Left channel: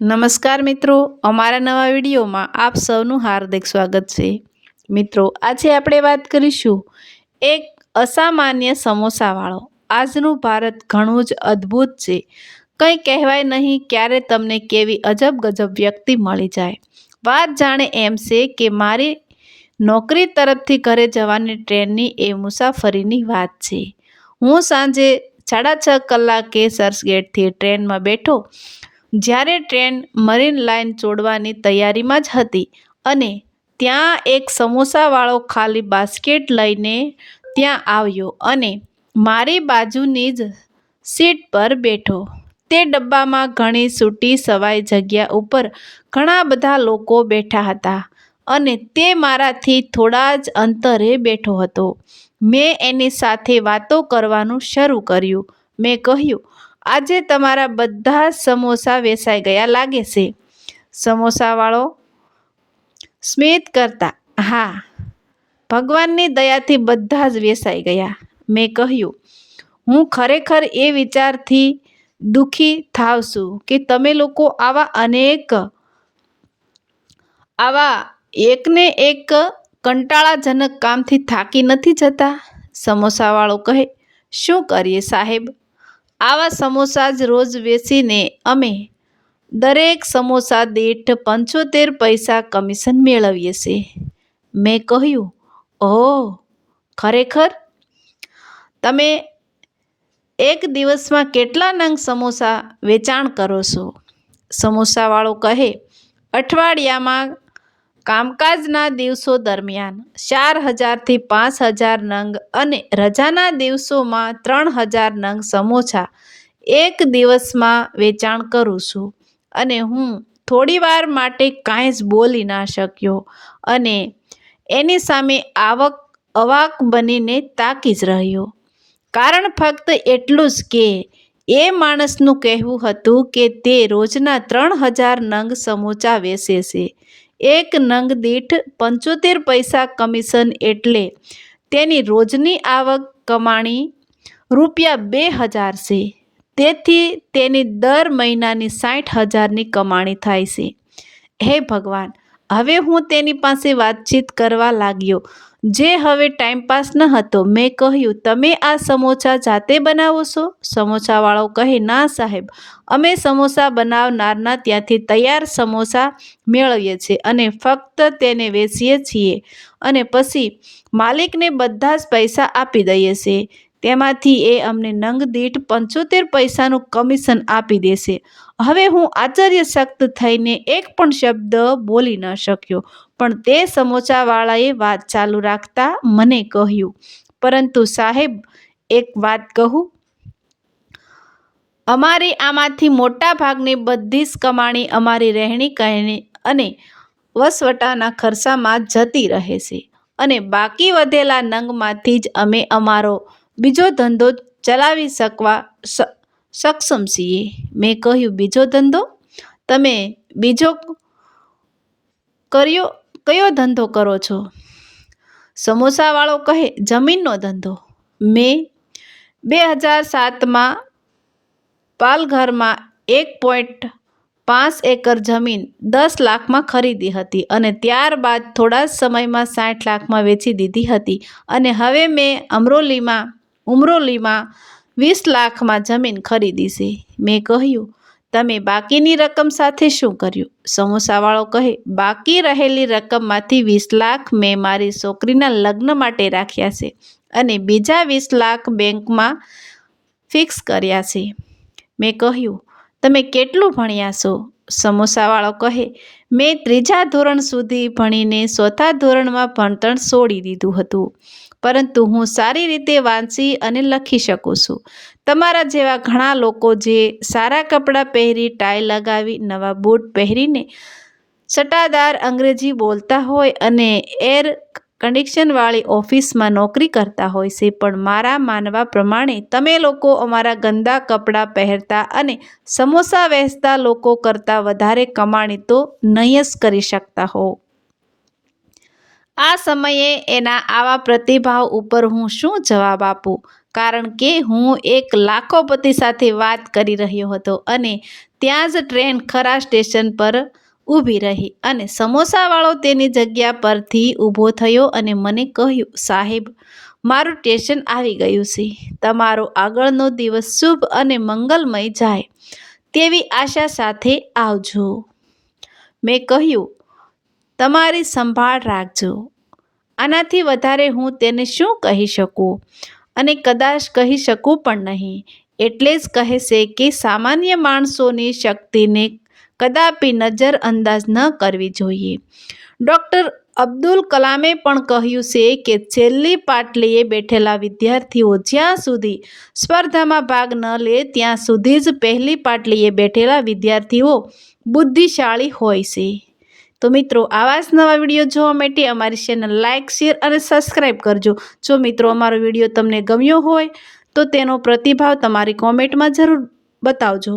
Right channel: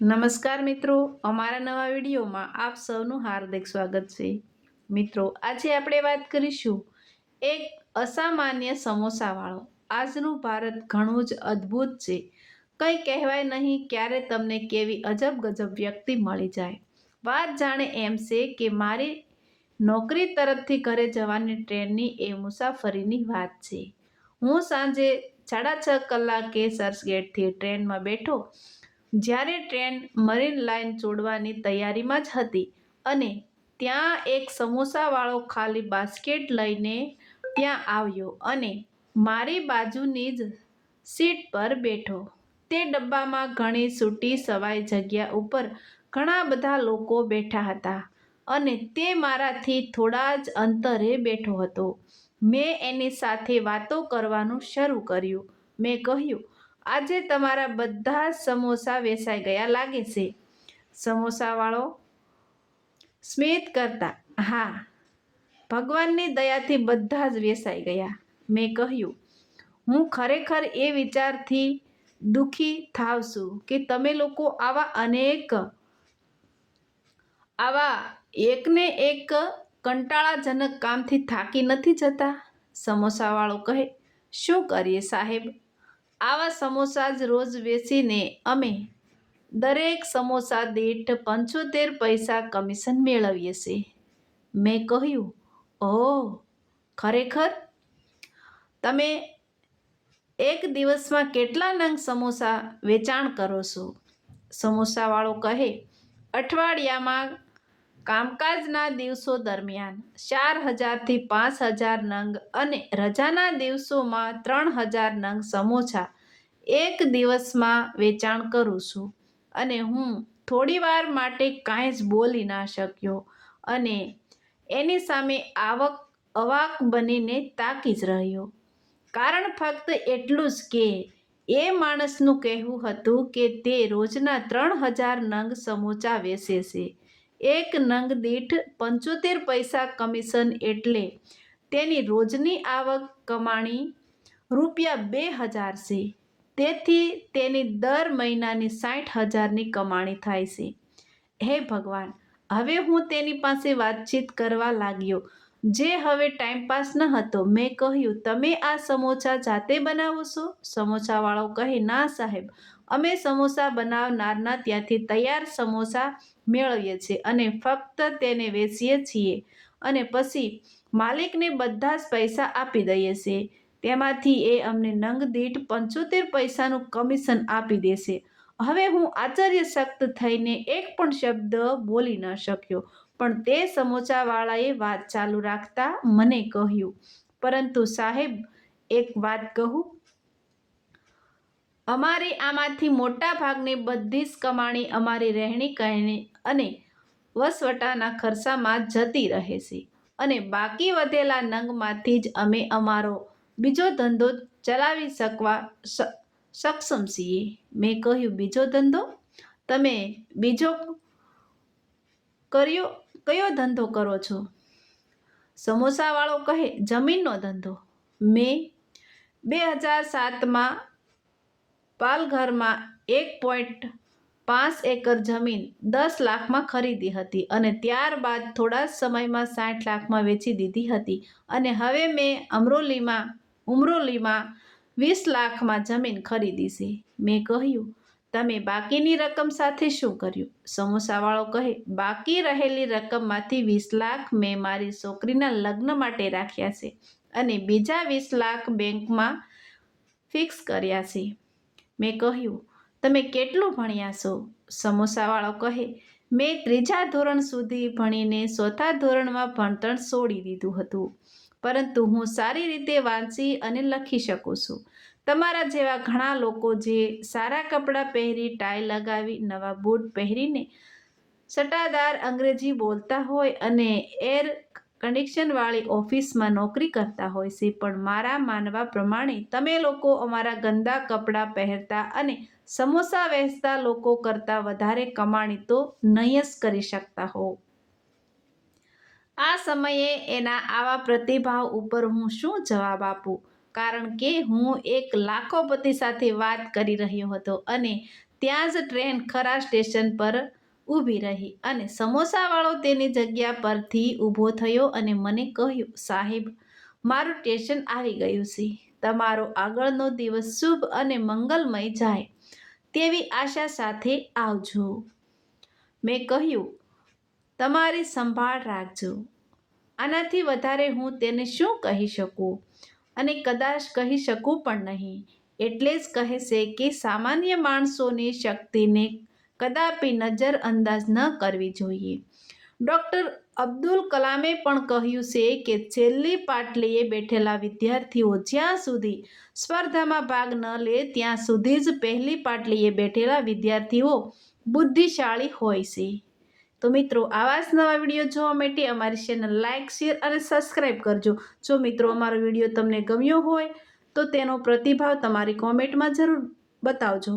નમસ્કાર મિત્રો, અમારા નવા વિડીયોમાં આપ સૌનું હાર્દિક સ્વાગત છે। મિત્રો, આજે આપણે વાત કરીશું એક અસામાન્ય સમોસાવાળો। આજનું ભારત ઘણું જ અદ્ભુત છે। કંઈ કહેવાય નહીં ક્યારે તમને કેવી અજબ ગજબ વ્યક્તિ મળી જાય। વાત જાણે એમ છે કે મારી નોકરી તરફથી ઘરે જવાની ટ્રેનની એ મુસાફરીની વાત છે। હું સાંજે 6:30 કલાકે ચર્ચગેટથી ટ્રેનમાં બેઠો। જ્યારે ટ્રેન મરીન લાઇન છોડવાની તૈયારીમાં જ હતી અને ત્યાં એક સમોસાવાળો ખાલી બાસ્કેટ લઈને ત્યાં આવ્યો અને મારી બાજુની જ સીટ પર બેઠો। તે ડબ્બામાં ઘણી છૂટી છવાઈ જગ્યા ઉપર ઘણા બધા લોકો બેઠા હતા અને તે મારાથી થોડા જ અંતરે બેઠો હતો। મેં એની સાથે વાતો કરવાનું શરૂ કર્યું। મેં કહ્યું, આજે તમારા બધા જ સમોસા વેચાઈ ગયા લાગે છે? સમોસાવાળો સ્મિત કરતા, હા, ભગવાનની દયાથી બધા જ વેચાઈ ગયા। મેં કહ્યું, હું ખરેખર એ વિચારથી દુઃખી થાવ છું કે તમે લોકો આવા એકને એક કંટાળાજનક કામથી થાકી નથી જતા? સમોસાવાળો કહે, શું કરીએ સાહેબ, આવા સમોસા જ રોજ વેચીને અમે દરેક સમોસા દીઠ 75 પૈસા કમિશન મેળવીએ છીએ। મેં કહ્યું, ઓહ, ખરેખર? તમે એક દિવસમાં કેટલા નંગ સમોસા વેચાણ કરો છો? સમોસાવાળો કહે, અઠવાડિયામાં કામકાજના દિવસો દરમિયાન 4000 થી 5000 નંગ અને રજાના દિવસોમાં 3000 નંગ સમોસા એક દિવસમાં વેચાણ કરું છું। અને હું થોડીવાર માટે કાંઈ જ બોલી ના શક્યો અને એની સામે અવાક બનીને તાકી જ રહ્યો। કારણ ફક્ત એટલું જ કે એ માણસનું કહેવું હતું કે તે રોજના 3000 નંગ સમોસા વેચે છે। એક નંગ દીઠ 75 પૈસા કમિશન એટલે તેની રોજની આવક કમાણી ₹2000 છે। તેથી તેની દર મહિનાની 60,000ની કમાણી થાય છે। હે ભગવાન! હવે હું તેની પાસે વાતચીત કરવા લાગ્યો, જે હવે ટાઈમપાસ ન હતો। મેં કહ્યું, તમે આ સમોસા જાતે બનાવો છો? સમોસાવાળો કહે, ના સાહેબ, અમે સમોસા બનાવનારના ત્યાંથી તૈયાર સમોસા મેળવીએ છીએ અને ફક્ત તેને વેચીએ છીએ અને પછી માલિકને બધા જ પૈસા આપી દઈએ છીએ। તેમાંથી એ અમને નંગ દીઠ 75 પૈસાનું કમિશન આપી દેશે। હવે હું આશ્ચર્યચકિત થઈને એક પણ શબ્દ બોલી ન શક્યો, પણ તે સમોસાવાળાએ વાત ચાલુ રાખતા મને કહ્યું, પરંતુ સાહેબ, એક વાત કહું? અમારી આમાંથી મોટા ભાગની બધી જ કમાણી અમારી રહેણી કહેણી અને વસવટાના ખર્ચામાં જતી રહે છે અને બાકી વધેલા નંગમાંથી જ અમે અમારો બીજો ધંધો ચલાવી સક્ષમ છીએ। મેં કહ્યું, બીજો ધંધો? તમે બીજો કયો ધંધો કરો છો? સમોસાવાળો કહે, જમીનનો ધંધો। મેં 2007માં પાલઘરમાં 1.5 એકર જમીન 10 લાખમાં ખરીદી હતી અને ત્યારબાદ થોડા જ સમયમાં 60 લાખમાં વેચી દીધી હતી અને હવે મેં અમરોલીમાં 20 લાખમાં જમીન ખરીદી છે। મેં કહ્યું, તમે બાકીની રકમ સાથે શું કર્યું? સમોસાવાળો કહે, બાકી રહેલી રકમમાંથી 20 લાખ મેં મારી છોકરીના લગ્ન માટે રાખ્યા છે અને બીજા 20 લાખ બેંકમાં ફિક્સ કર્યા છે। મેં કહ્યું, તમે કેટલું ભણ્યા છો? સમોસાવાળો કહે, મેં 3જા ધોરણ સુધી ભણીને 4થા ધોરણમાં ભણતર છોડી દીધું હતું, પરંતુ હું સારી રીતે વાંચી અને લખી શકું છું। તમારા જેવા ઘણા લોકો જે સારા કપડાં પહેરી, ટાઈ લગાવી, નવા બૂટ પહેરીને સટ્ટાદાર અંગ્રેજી બોલતા હોય અને એર કન્ડિશનવાળી ઓફિસમાં નોકરી કરતા હોય છે, પણ મારા માનવા પ્રમાણે તમે લોકો અમારા ગંદા કપડાં પહેરતા અને સમોસા વેચતા લોકો કરતાં વધારે કમાણી તો નહીં જ કરી શકતા હો। આ સમયે એના આવા પ્રતિભાવ ઉપર હું શું જવાબ આપું? કારણ કે હું એક લાખોપતિ સાથે વાત કરી રહ્યો હતો અને ત્યાં જ ટ્રેન ખરા સ્ટેશન પર ઊભી રહી અને સમોસાવાળો તેની જગ્યા પરથી ઊભો થયો અને મને કહ્યું, સાહેબ, મારું સ્ટેશન આવી ગયું છે. તમારો આગળનો દિવસ શુભ અને મંગલમય જાય તેવી આશા સાથે આવજો. મેં કહ્યું, તમારી સંભાળ રાખજો. આનાથી વધારે હું તેને શું કહી શકું અને કદાચ કહી શકું પણ નહીં. એટલે જ કહે છે કે સામાન્ય માણસોની શક્તિને કદાપી નજરઅંદાજ ન કરવી જોઈએ. ડૉક્ટર અબ્દુલ કલામે પણ કહ્યું છે કે છેલ્લી પાટલીએ બેઠેલા વિદ્યાર્થીઓ જ્યાં સુધી સ્પર્ધામાં ભાગ ન લે ત્યાં સુધી જ પહેલી પાટલીએ બેઠેલા વિદ્યાર્થીઓ બુદ્ધિશાળી હોય છે. તો મિત્રો, આવા જ નવા વિડીયો જોવા માટે અમારી ચેનલ લાઇક, શેર અને સબસ્ક્રાઈબ કરજો. જો મિત્રો અમારો વિડીયો તમને ગમ્યો હોય તો તેનો પ્રતિભાવ તમારી કોમેન્ટમાં જરૂર બતાવજો.